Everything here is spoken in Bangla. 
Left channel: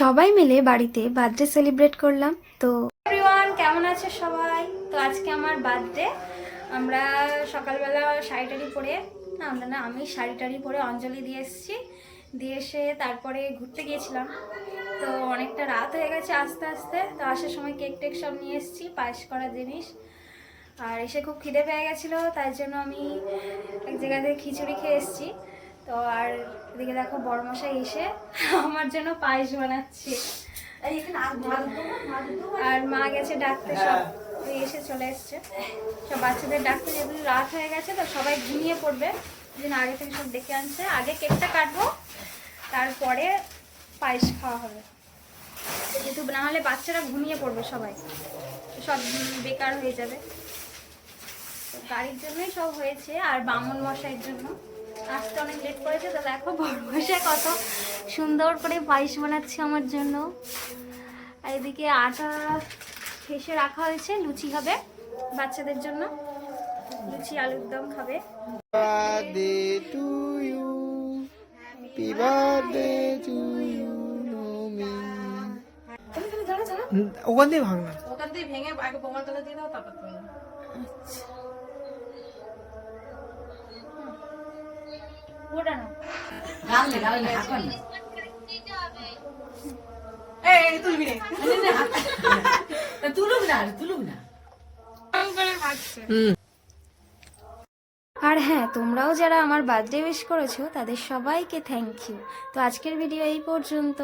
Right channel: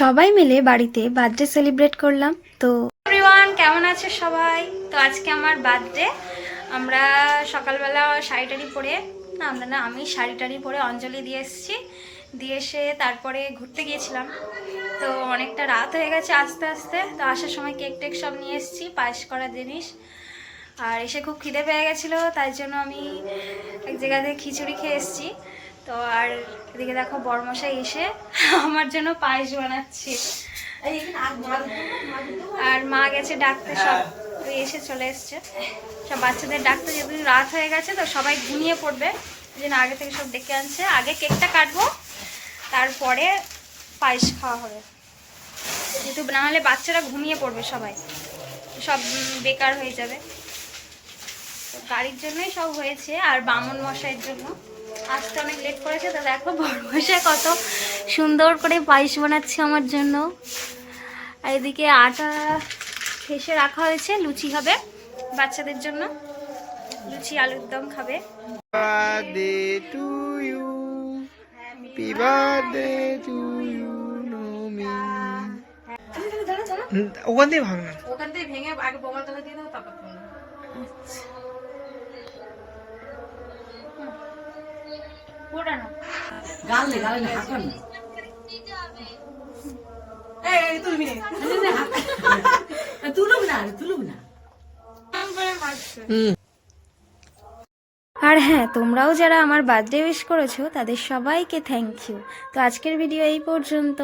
সবাই মিলে বাড়িতে বার্থডে সেলিব্রেট করলাম। তো এভরিওয়ান, কেমন আছে সবাই? তো আজকে আমার বার্থডে। আমরা সকালবেলা শাড়ি টাড়ি পরে, আমি শাড়ি টাড়ি পরে অঞ্জলি দিয়ে এসেছি। দিয়ে এসে তারপরে ঘুরতে গিয়েছিলাম। তো অনেকটা রাত হয়ে গেছে আস্তে আস্তে। তো আসার সময় কেক টেক সব নিয়ে এসেছি, পায়েস করা জিনিস। আর এসে খুব খিদে পেয়ে গেছিলো, তাই জন্য আমি এক জায়গা থেকে খিচুড়ি খেয়ে এসেছি। তো আর এদিকে দেখো বড়মশাই এসে আমার জন্য পায়েস বানাচ্ছে। আর মা গেছে ডাকতে, সব এসে চলে এসছে। সব বাচ্চাদের ডাকতে, যেহেতু রাত হয়ে গেছে তো সবাই ঘুমিয়ে পড়বে, এই জন্য আগে থেকে সব ডেকে আনছে। আগে কেকটা কাটবো, তারপরে পায়েস খাওয়া হবে, যেহেতু না হলে বাচ্চারা ঘুমিয়ে পড়বে, সবাই সব বেকার হয়ে যাবে। তো গাড়ির জন্যই সব হয়েছে, আর বামন মশাইয়ের জন্য আসতে অনেক লেট করেছে। তো দেখো বড়মশাই কত সুন্দর করে পায়েস বানাচ্ছে আমার জন্য। আর এদিকে আটা ফেসে রাখা হয়েছে, লুচি হবে বাচ্চাদের জন্য, লুচি আলুর দম খাবে। ওখান থেকে ভাঙ না, ওখান থেকে ভেঙে আগে বোমার তলা দিয়ে দাও, তারপর গালে গালে না হাত না। এই তুলবি রে, তুলুক না তুলুক না। আর হ্যাঁ, তোমরাও যারা আমার বার্থডে উইশ করেছো তাদের সবাইকে থ্যাংক ইউ। তো আজকের ভিডিও এই পর্যন্ত।